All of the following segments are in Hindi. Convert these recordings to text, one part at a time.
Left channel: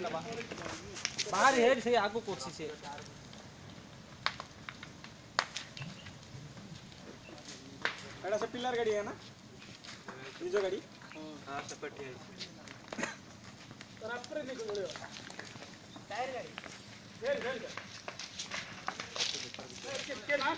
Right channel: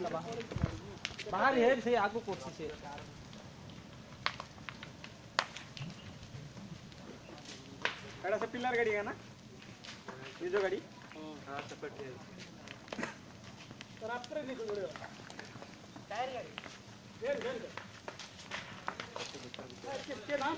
बाहर है से आगो कोची से एड़ा से पिलर गाड़ी है ना ये जो गाड़ी हां सेपरेट है पर आपरे नहीं जोड़े टायर गाड़ी वेल के नाम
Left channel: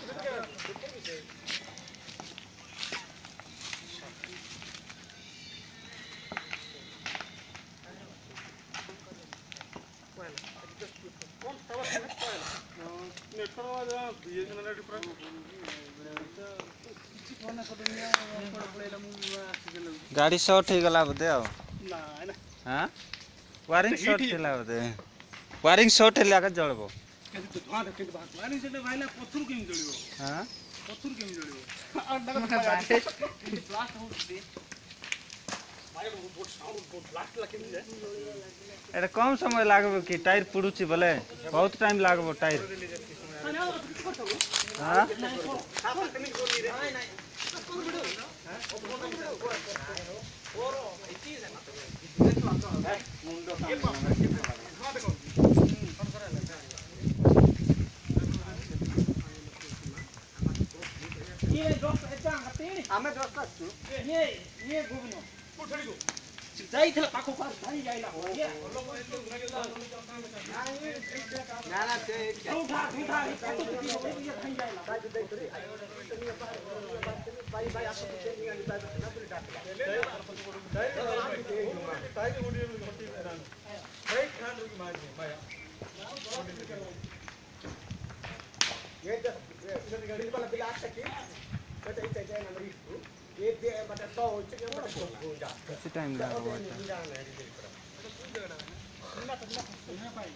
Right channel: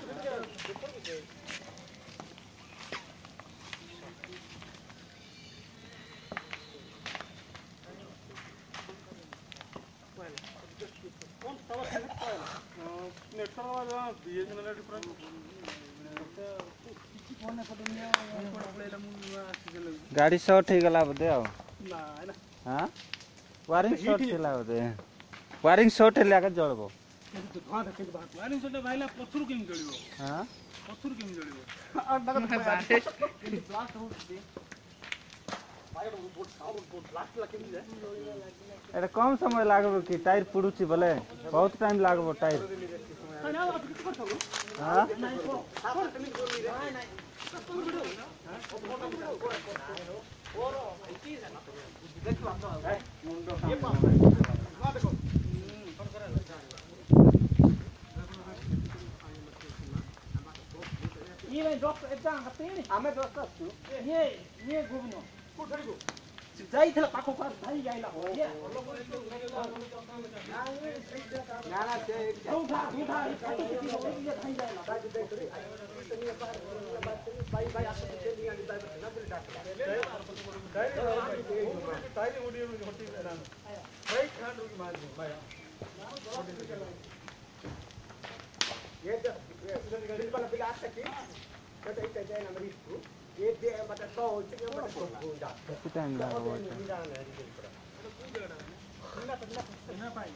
गाड़ी शॉर्ट ही गला बोधे आओ ना हां वायरिंग शॉर्ट थिला बोधे वायरिंग शॉर्ट हेला का जळबो केते धुआं केते बात वायरिंग शॉर्ट भाईला पत्थर केम जळिबो हां पत्थर केम जळिबो और नगर ब्लास्ट हो दे भाई बोट साउंड बोट ब्लास्ट ला केम जाए एटा कम समय लागबो कि टायर पुडुची बोले बहुत टाइम लागबो टायर हां ये दोस्त एटा हती हमें दोस्त आछु ये गोविनो कोठड़ी को जाई थला पाखो कर भाई जाइला हो ये ना ना ते उठा ये पाखो की हो ये भाई जाइला भाई दे करे भाई भाई आपको तो नहीं आनी बात ना बोल डाट ताई उड़ी छोटी रान भाई खान रुकी मार दे भाई ये गाड़ी वाला बिल आ सके बट इते जाए ना मरीज को ये दे बट तो चिकन बट हो जा कितना टाइम लागबो ना भाई